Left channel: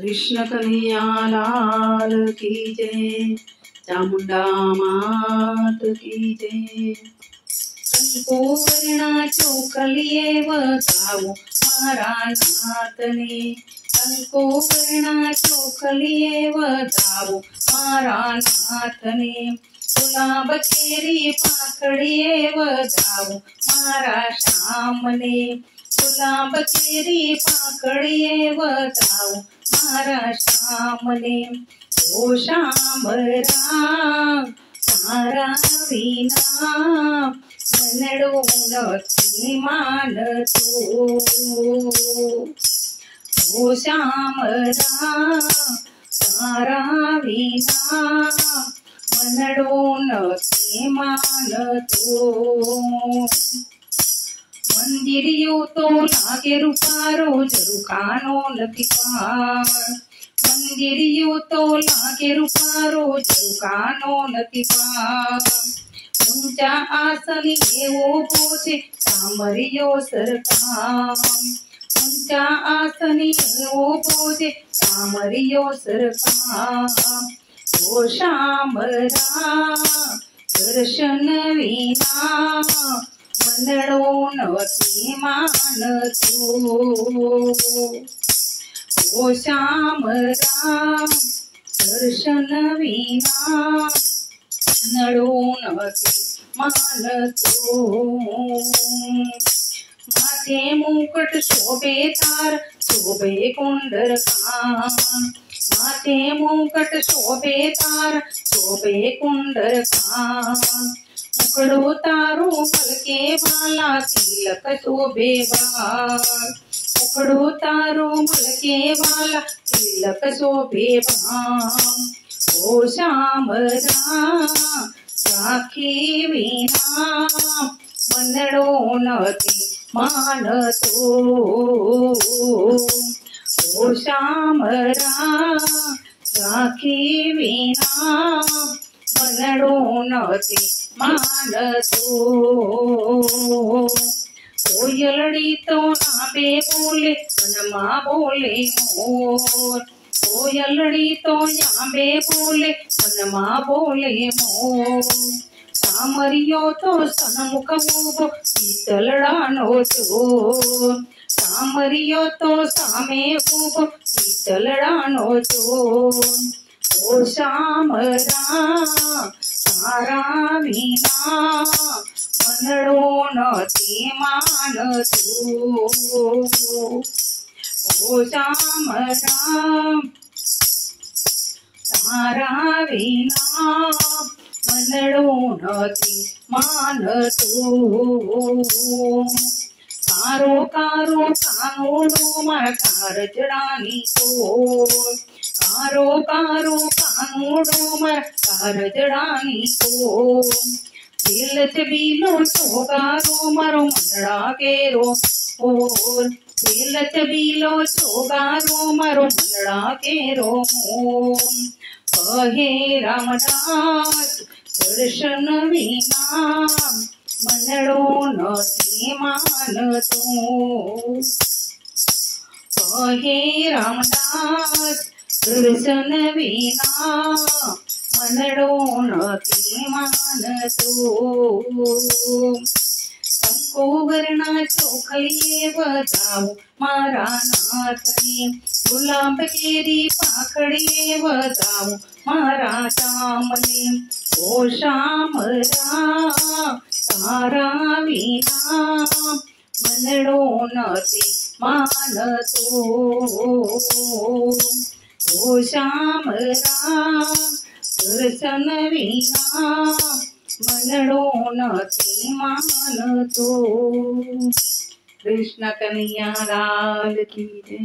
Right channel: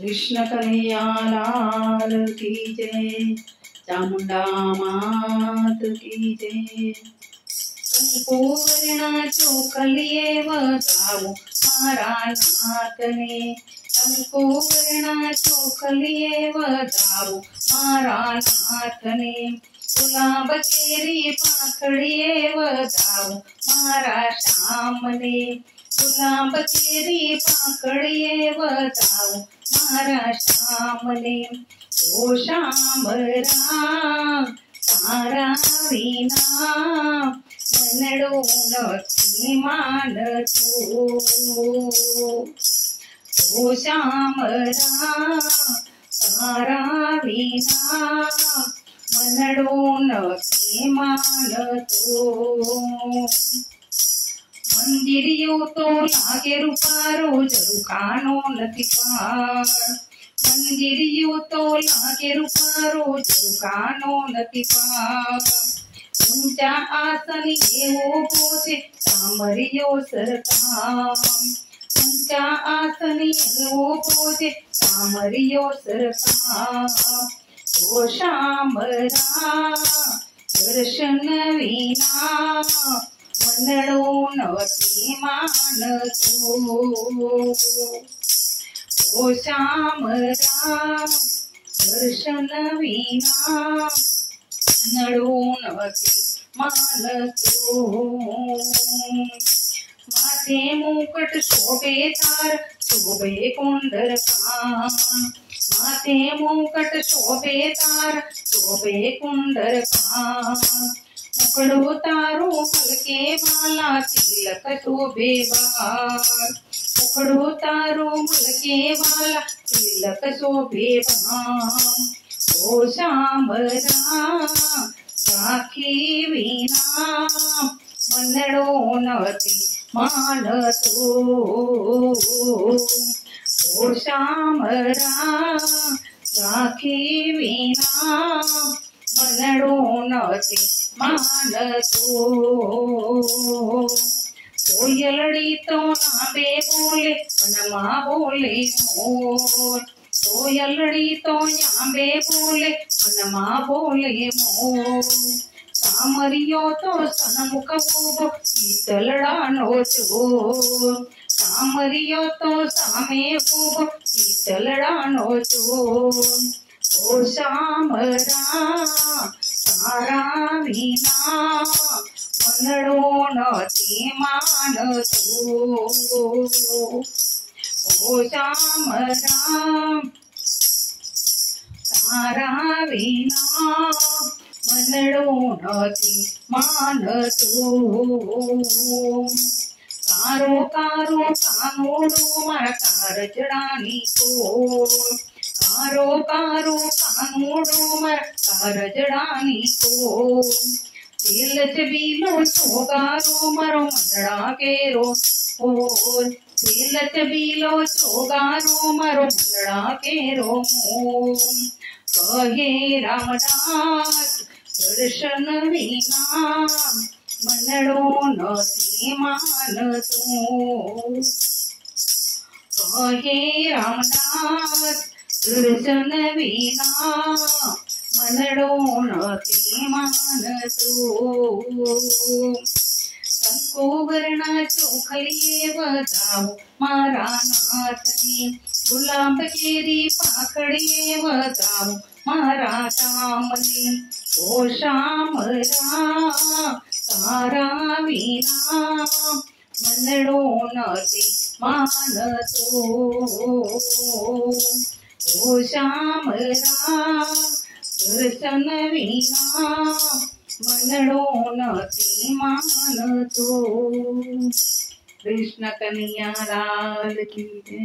कृष्ण कन्हैया लाल की जय, चामुंडा मात की जय। कंको वर्णाचो कलिये वतावो मारा नाथने, कंको वर्णाचो कलिये वतावो मारा नाथने। गुलाब केरी पाकड़िये वतावो मारा श्यामने, गुलाब केरी पाकड़िये वतावो मारा श्यामने। ओ श्यामरा तारा विना मनडो નથી માનતો। ओ श्यामरा तारा विना मनडो નથી માનતો। મંદિરિયો તો લાગે રૂપારો ઝરૂખાનો નથી પાર, મંદિરિયો તો લાગે રૂપારો ઝરૂખાનો નથી પાર। ઊંચા આસની એવો પોતે સામરિયો સરકાર, ઊંચા આસની એવો પોતે સામરિયો સરકાર। ઓ શ્યામરા દર્શન વિના मनडो નથી માનતો। ओ श्यामरा दर्शन विना मनडो નથી માનતો। माथे मुकुट शोभे तार शोभे कुंडल कान, माथे मुकुट शोभे तार शोभे कुंडल कान। मुखड़ो तारो पलके वाला तिलक शोभे बार, मुखड़ो तारो पलके वाला तिलक शोभे बार। ओ श्यामरा राखी विना मनडो નથી માનતો। ओ श्यामरा राखी विना मनडो નથી માનતો। કોયલડી તો નાબે બોલે મનમાં બોલે મોર, કોયલડી તો નાબે બોલે મનમાં બોલે મોર। સામરિયો તો સન્મુખ ઉભો શીતલડાનો ચોર, સામરિયો તો સામે ઉભો શીતલડાનો ચોર। ओ श्यामरा तारा विना मनडो નથી માનતો। ओ श्यामरा तारा विना मनडो નથી માનતો। કારો કારો કાનોડો મારા કારજડાની તોડ, કારો કારો કાનોડો મારા કારજડાની તોડ। દિલ ચબીલો ચોગારો મારો મંડળા કેરો મોર, દિલ ચબીલો ચોગારો મારો મંડળા કેરો મોર। કહે રામદાસ દર્શન વિના मनडो નથી માનતો। કહે રામદાસ દર્શન વિના मनडो નથી માનતો। કંકો વર્ણાચો કલિયે વતાવો મારા નાથને, ગુલાબ કેરી પાકડીએ વતાવો મારા શ્યામને। ઓ શ્યામરા તારા વિના मनडो નથી માનતો। ओ श्यामरा दर्शन विना मनडो નથી માનતો। कृष्ण कन्हैया लाल की जय।